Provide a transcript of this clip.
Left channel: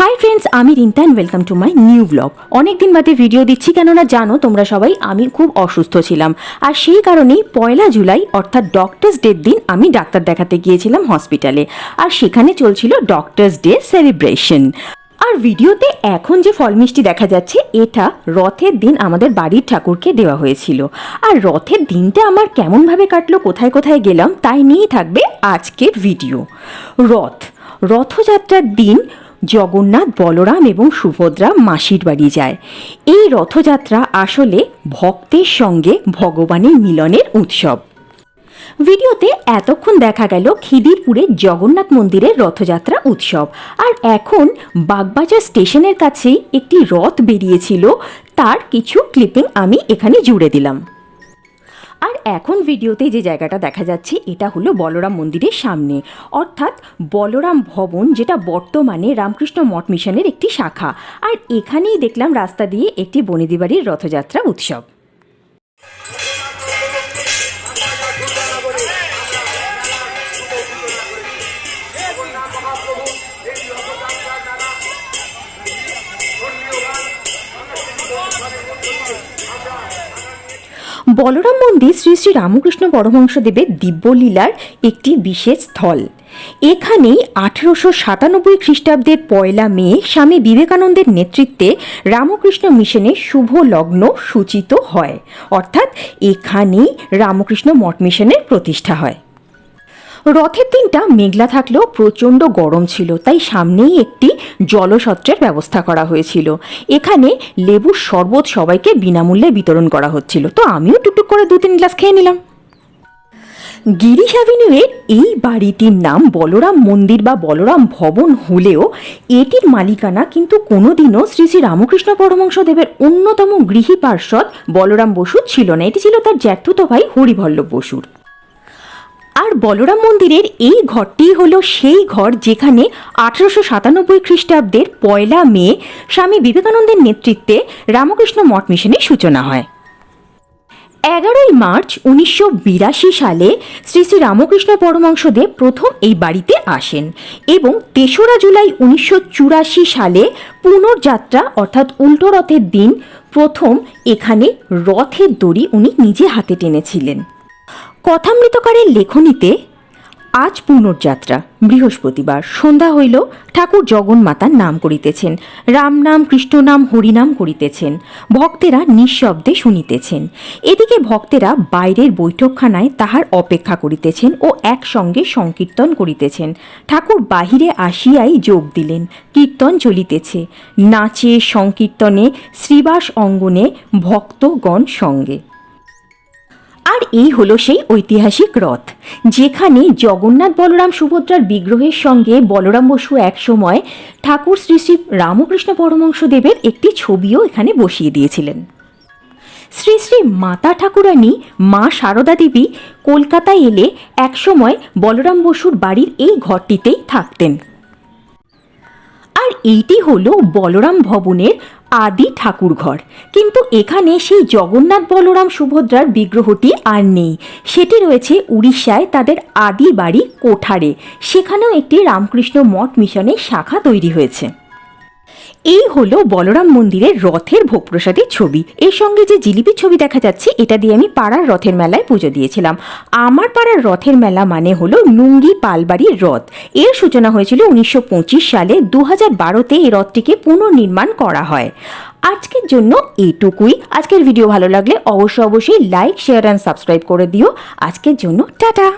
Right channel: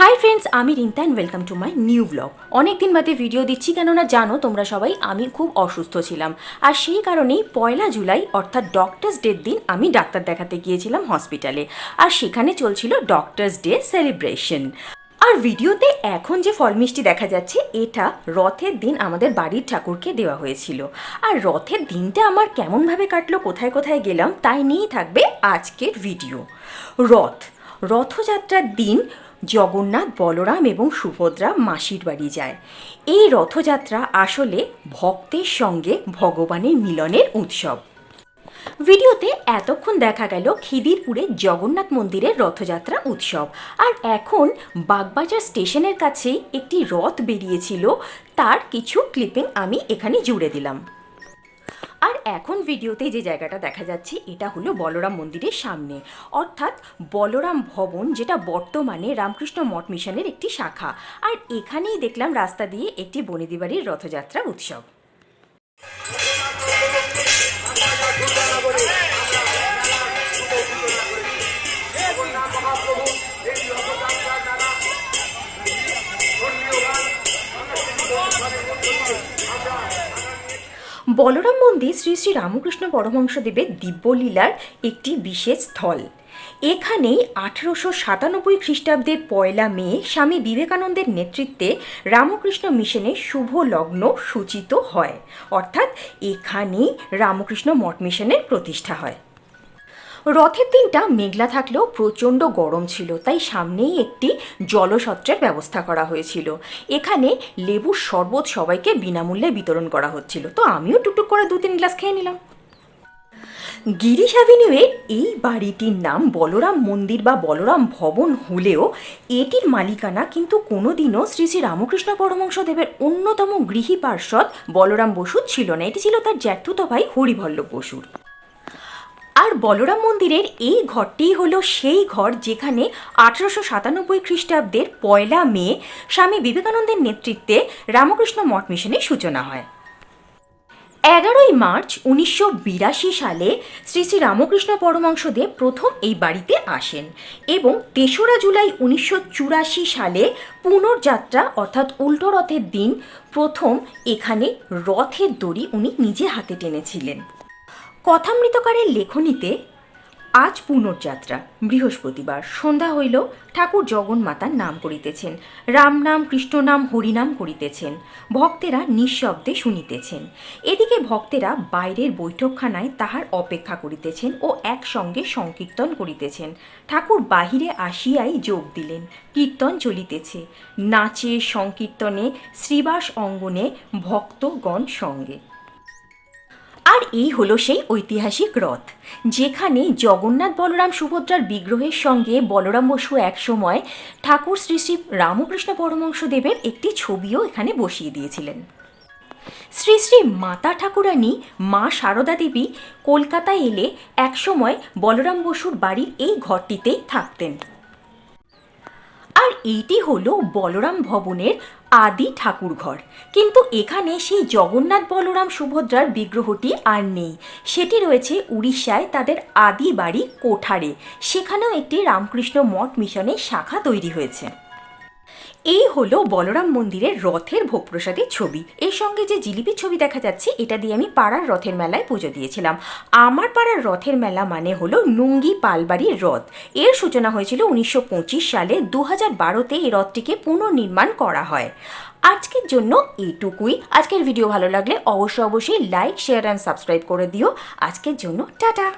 High friends, আমি Rinta and welcome to my new blog. অনেকদিন বাদে ভিডিও দিচ্ছি, কেননা জানো তোমরা সবাই আমি খুব অসুস্থ ছিলাম। আর সেই কারণেই 1 জুলাই অর্থাৎ ডক্টরস ডের দিন আমি ডাক্তার দেখাতে গিয়েছিলাম হসপিটালে। আর সেখানে চলছিল ডক্টরস ডে সেলিব্রেশন। আর ভিডিওতে এখন যে ফল মিষ্টি দেখা যাচ্ছে এটা রথের দিন আমাদের বাড়ির ঠাকুরকে দেওয়া হয়েছিল। আর রথের দিনটা আমার কেমনভাবে কাটলো, কোথায় কোথায় গেলাম, তাই নিয়েই থাকবে আজকের ভিডিও। রথযাত্রার দিন জগন্নাথ, বলরাম এবং সুভদ্রা মাসির বাড়ি যায়। এই রথযাত্রা আসলে ভক্তের সঙ্গে ভগবানের মিলনের উৎসব। ভিডিওতে এতক্ষণ দেখা গেল খিদিরপুরের জগন্নাথ মন্দিরের রথযাত্রা উৎসব। আর এখন বাগবাজার স্টেশনের কাছেই একটি রথ বেরিয়েছিল, তার কিছু ক্লিপিং আমি এখানে জুড়ে দিলাম। আর এখন ভিডিওতে যে জায়গাটা দেখা যাচ্ছে এটা হলো বলরাম মন্দিরের সামনে, অর্থাৎ বলরাম ভবন, যেটা বর্তমানে রামকৃষ্ণ মঠ মিশনের একটি শাখা। আর এখানেই দেখলাম রাস্তা দিয়ে একটি বনেদি বাড়ির রথযাত্রা উৎসব। বলরাম মন্দির শ্রী শ্রী রামকৃষ্ণ পরমহংসদেবের দিব্যলীলার একটি বিশেষ স্থল। এখানেই 1897 খ্রিস্টাব্দের 1 মে স্বামী বিবেকানন্দের নেতৃত্বে রামকৃষ্ণ মিশনের শুভ লগ্ন সূচিত হয়, অর্থাৎ এখানেই রামকৃষ্ণ মঠ মিশনের প্রতিষ্ঠা হয়। রথের দিনটা মেঘলা থাকলেও প্রচণ্ড গরম ছিল, তাই সামনেই একটি জলসত্রের ব্যবস্থা করা হয়েছিল। এখানে লেবুর শরবত সবাইকে বিনামূল্যে বিতরণ করা হচ্ছিল, তো আমিও টুকটুক করে 2-3 গ্লাস খেয়ে নিলাম। গিরিশ অ্যাভিনিউয়ের এই বাড়িটির নাম বলরাম মন্দির বা বলরাম ভবন হলেও এটির মালিকানা কিন্তু কোনোদিনও শ্রী শ্রী রামকৃষ্ণ পরমহংসদেবের অন্যতম গৃহী পার্ষদ বলরাম বসুর ছিল না, এটি ছিল তার জ্যাঠতুতো ভাই হরিবল্লভ বসুর। আর বলরাম মন্দিরের এই ঘরটি হলো সেই ঘর যেখানে 1897 খ্রিস্টাব্দের 1 মে স্বামী বিবেকানন্দের নেতৃত্বে রামকৃষ্ণ মঠ মিশনের সূচনা হয়। 11 মার্চ 1982 সালে শ্রী শ্রী রামকৃষ্ণ পরমহংসদেব প্রথম এই বাড়িতে আসেন এবং 3 জুলাই 1984 সালে পুনর্যাত্রা অর্থাৎ উল্টো রথের দিন প্রথম এখানে রথের দড়ি উনি নিজে হাতে টেনেছিলেন। কথামৃতকারের লেখনীতে আজ পুনর্যাত্রা, বৃহস্পতিবার সন্ধ্যা হইল, ঠাকুর জগন্মাতার নাম করিতেছেন, রাম নাম কৃষ্ণ নাম হরিনাম করিতেছেন, ভক্তেরা নিঃশব্দে শুনিতেছেন। এদিকে ভক্তেরা বাইরের বৈঠকখানায় তাহার অপেক্ষা করিতেছেন ও একসঙ্গে সংকীর্তন করিতেছেন। ঠাকুর বাহিরে আসিয়াই যোগ দিলেন, কীর্তন চলিতেছে, নাচে সংকীর্তনে শ্রীবাস অঙ্গনে ভক্তগণ সঙ্গে। আর এই হলো সেই ঐতিহাসিক রথ, যেখানে জগন্নাথ, বলরাম, সুভদ্রার বিগ্রহের সঙ্গে বলরাম বসু একসময় ঠাকুর শ্রী শ্রী রামকৃষ্ণ পরমহংসদেবের একটি ছবিও এখানে বসিয়ে দিয়েছিলেন। শ্রী শ্রী মাতা ঠাকুরানী মা সারদা দেবী কলকাতায় এলে একসময় বলরাম বসুর বাড়ির এই ঘরটিতেই থাকতেন। আর এইটি হলো বলরাম ভবনের আদি ঠাকুর ঘর, কিন্তু এখানে সেই জগন্নাথ, বলরাম, সুভদ্রার বিগ্রহটি আর নেই। সেটি রয়েছে উড়িষ্যায় তাদের আদি বাড়ি কোঠারে, সেখানেও একটি রামকৃষ্ণ মঠ মিশনের শাখা তৈরি হয়েছে। এই হলো বলরাম মন্দিরের রথের ভোগ প্রসাদের ছবি। এর সঙ্গে যে জিলিপির ছবি দেখা যাচ্ছে এটা দিয়ে আমি পাড়ার রথের মেলায় পুজো দিয়েছিলাম। আমার পাড়ার রথের মেলা মানে হলো নুঙ্গি পালবাড়ির রথ। এর সূচনা হয়েছিল 1925 সালে। 2012-তে এই রথটিকে পুনর্নির্মাণ করা হয়। আজকের জন্য এইটুকুই। আজকের ভিডিও ভালো লাগলে অবশ্যই লাইক, শেয়ার অ্যান্ড সাবস্ক্রাইব করে দিও। আজকের জন্য টাটা।